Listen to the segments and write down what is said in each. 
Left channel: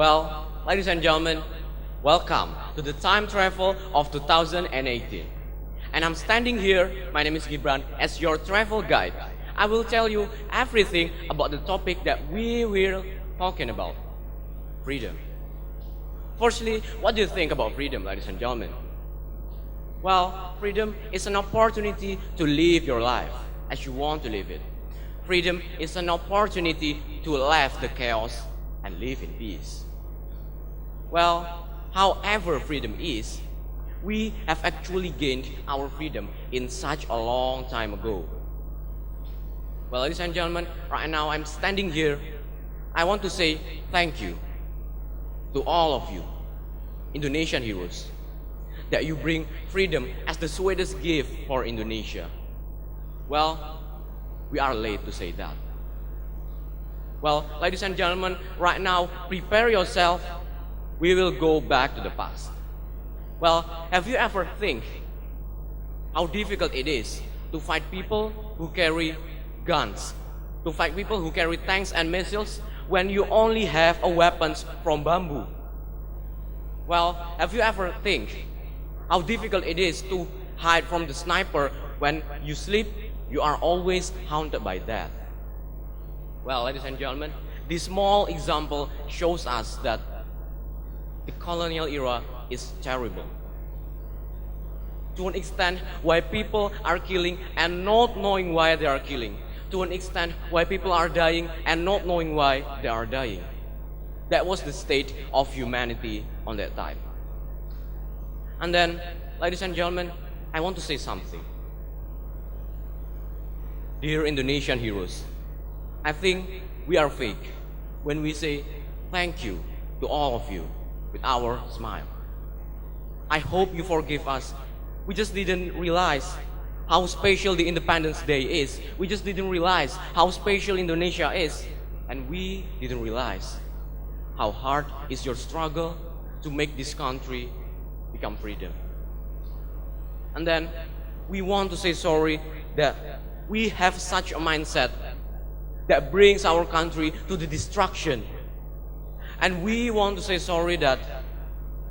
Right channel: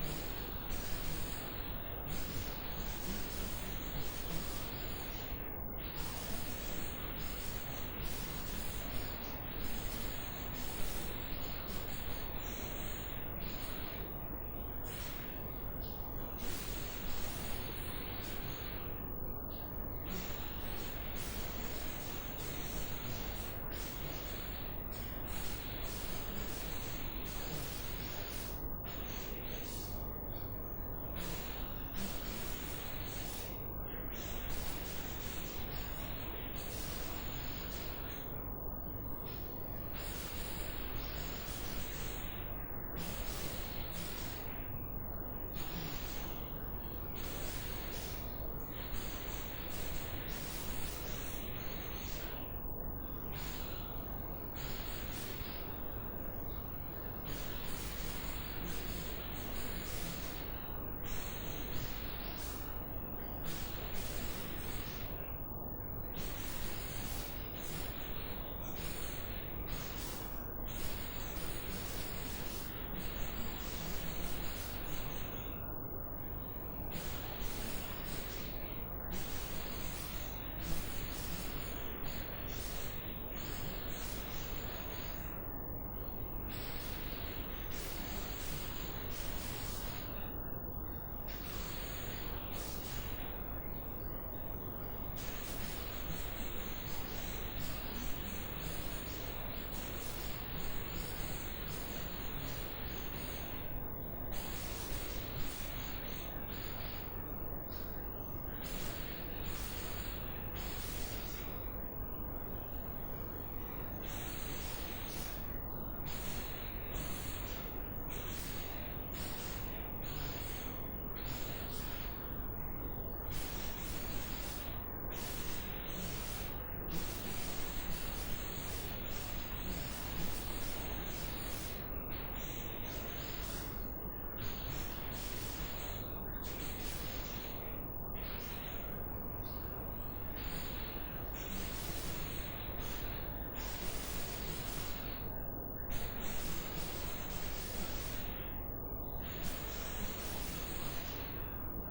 Well, ladies and gentlemen, welcome to the time travel of 2018. And I'm standing here, my name is Gibrant, as your travel guide. I will tell you everything about the topic that we will talking about, freedom. Firstly, what do you think about freedom, ladies and gentlemen? Well, freedom is an opportunity to live your life as you want to live it. Freedom is an opportunity to leave the chaos and live in peace. Well, however freedom is, we have actually gained our freedom in such a long time ago. Well, ladies and gentlemen, right now I'm standing here. I want to say thank you to all of you, Indonesian heroes, that you bring freedom as the sweetest gift for Indonesia. Well, we are late to say that. Well, ladies and gentlemen, right now, prepare yourself. We will go back to the past. Well, have you ever think how difficult it is to fight people who carry guns, to fight people who carry tanks and missiles when you only have a weapons from bamboo? Well, have you ever think how difficult it is to hide from the sniper when you sleep? You are always haunted by death. Well, ladies and gentlemen, this small example shows us that the colonial era is terrible. To an extent why people are killing and not knowing why they are killing. To an extent why people are dying and not knowing why they are dying. That was the state of humanity on that time. And then, ladies and gentlemen, I want to say something. Dear Indonesian heroes, I think we are fake when we say thank you to all of you with our smile. I hope you forgive us. We just didn't realize how special the Independence Day is. We just didn't realize how special Indonesia is. And we didn't realize how hard is your struggle to make this country become freedom. And then we want to say sorry that we have such a mindset that brings our country to the destruction. And we want to say sorry that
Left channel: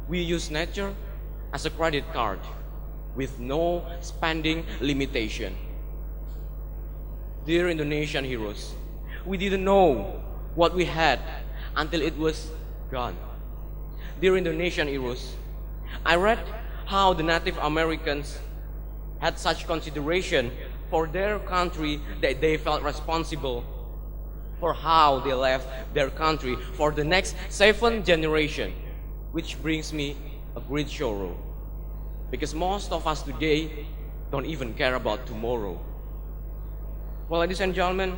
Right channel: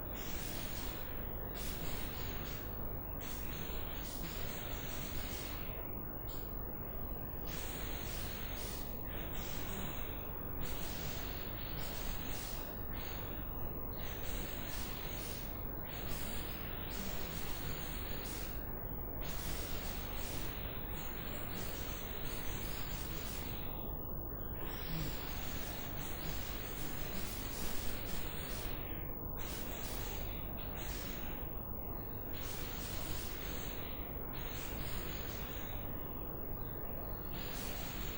we use nature as a credit card with no spending limitation. Dear Indonesian heroes, we didn't know what we had until it was gone. Dear Indonesian heroes, I read how the Native Americans had such consideration for their country that they felt responsible for how they left their country for the next 7 generations, which brings me a great sorrow. Because most of us today don't even care about tomorrow. Well, ladies and gentlemen,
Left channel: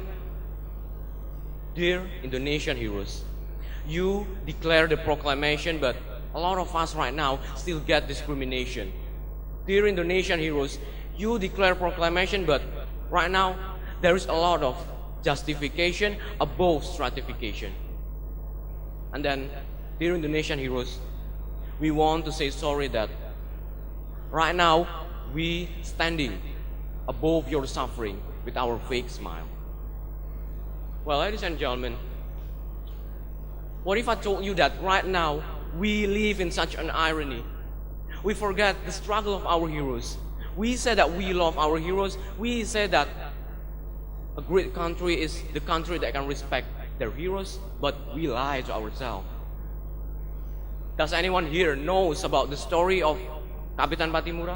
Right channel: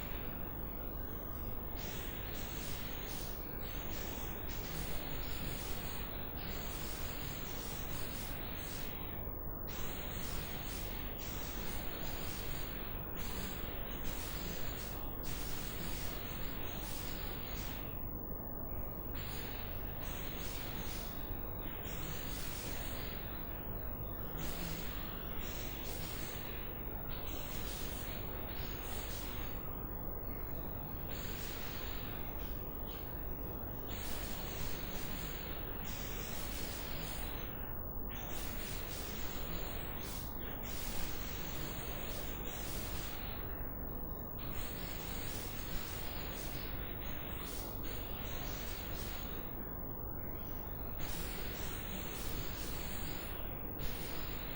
dear Indonesian heroes, you declare the proclamation, but a lot of us right now still get discrimination. Dear Indonesian heroes, you declare proclamation, but right now there is a lot of justification above stratification. And then, dear Indonesian heroes, we want to say sorry that right now we standing above your suffering with our fake smile. Well, ladies and gentlemen, what if I told you that right now we live in such an irony? We forget the struggle of our heroes. We say that we love our heroes. We say that a great country is the country that can respect their heroes, but we lie to ourselves. Does anyone here knows about the story of Kapitan Patimura?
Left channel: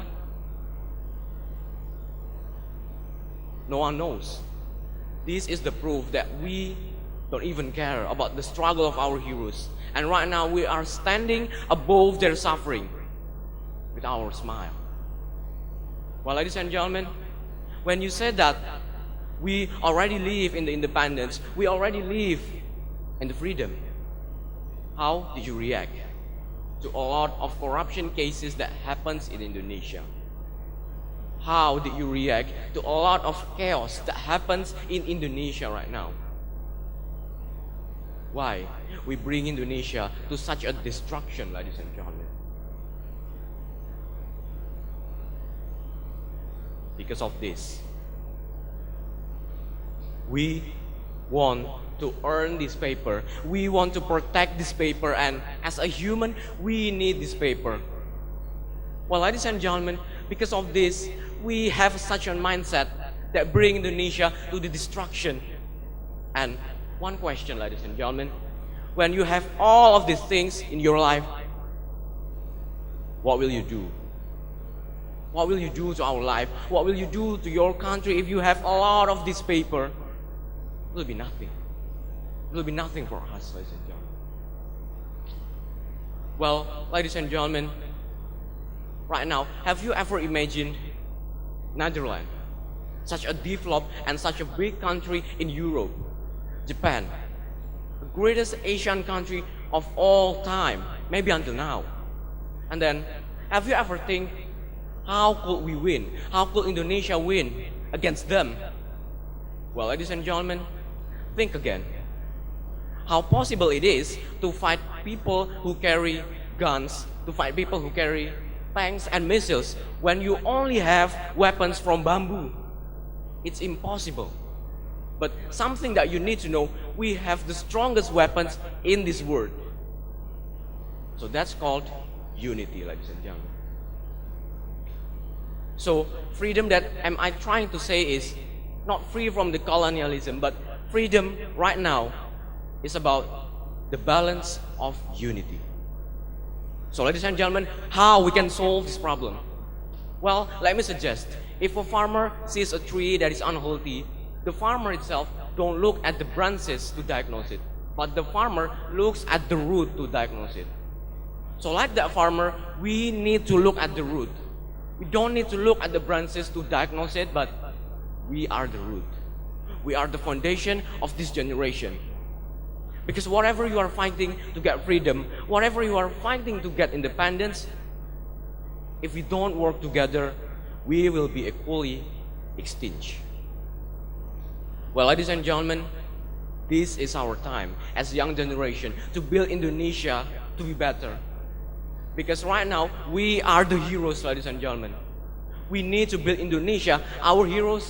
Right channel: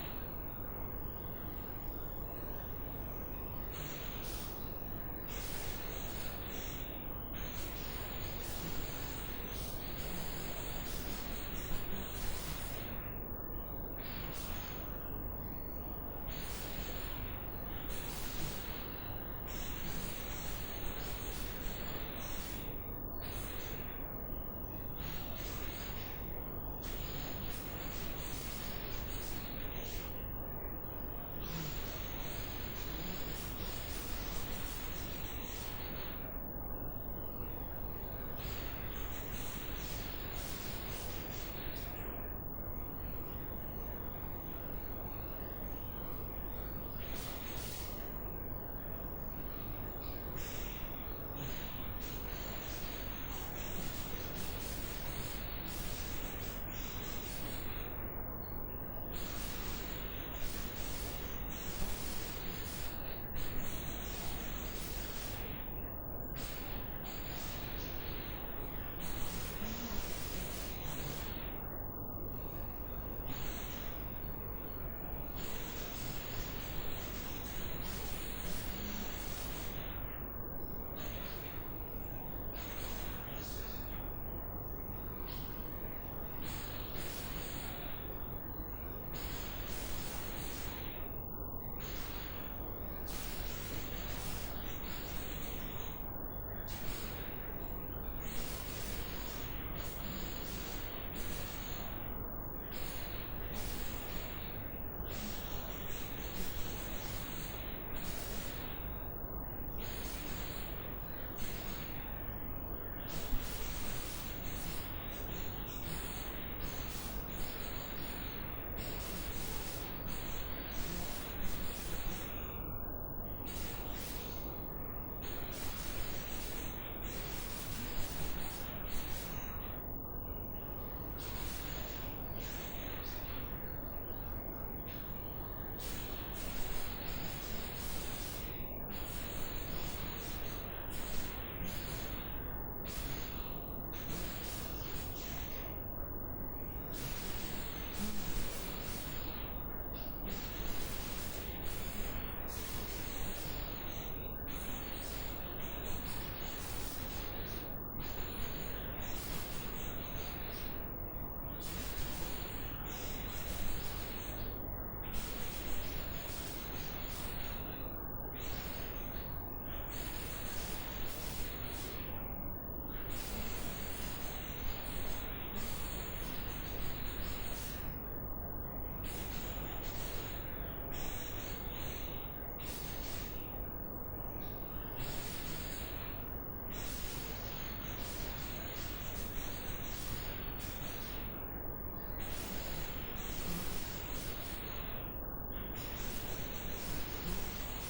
No one knows. This is the proof that we don't even care about the struggle of our heroes. And right now we are standing above their suffering with our smile. Well, ladies and gentlemen, when you said that we already live in the independence, we already live in the freedom, how did you react to a lot of corruption cases that happens in Indonesia? How did you react to a lot of chaos that happens in Indonesia right now? Why we bring Indonesia to such a destruction, ladies and gentlemen? Because of this, we want to earn this paper. We want to protect this paper, and as a human, we need this paper. Well, ladies and gentlemen, because of this, we have such a mindset that bring Indonesia to the destruction. And one question, ladies and gentlemen, when you have all of these things in your life, what will you do? What will you do to our life? What will you do to your country if you have a lot of this paper? It will be nothing. It will be nothing for us, ladies and gentlemen. Well, ladies and gentlemen, right now, have you ever imagined Netherlands, such a developed and such a big country in Europe, Japan, the greatest Asian country of all time, maybe until now? And then, have you ever think, how could we win? How could Indonesia win against them? Well, ladies and gentlemen, think again. How possible it is to fight people who carry guns, to fight people who carry tanks and missiles when you only have weapons from bamboo? It's impossible. But something that you need to know, we have the strongest weapons in this world. So that's called unity, ladies and gentlemen. So freedom that am I trying to say is not free from the colonialism, but freedom right now is about the balance of unity. So ladies and gentlemen, how we can solve this problem? Well, let me suggest, if a farmer sees a tree that is unhealthy, the farmer itself don't look at the branches to diagnose it, but the farmer looks at the root to diagnose it. So like that farmer, we need to look at the root. We don't need to look at the branches to diagnose it, but we are the root. We are the foundation of this generation. Because whatever you are fighting to get freedom, whatever you are fighting to get independence, if we don't work together, we will be equally extinct. Well, ladies and gentlemen, this is our time as a young generation to build Indonesia to be better. Because right now, we are the heroes, ladies and gentlemen. We need to build Indonesia. Our heroes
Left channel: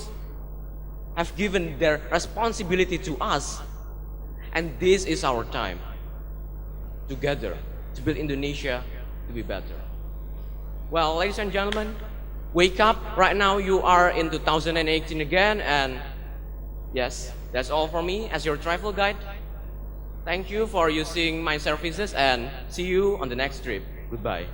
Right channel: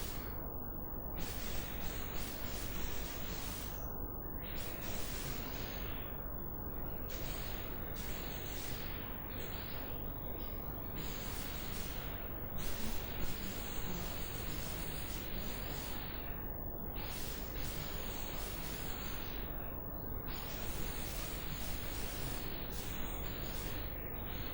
have given their responsibility to us. And this is our time, together, to build Indonesia to be better. Well, ladies and gentlemen, wake up. Right now, you are in 2018 again. And yes, that's all from me as your travel guide. Thank you for using my services, and see you on the next trip. Goodbye.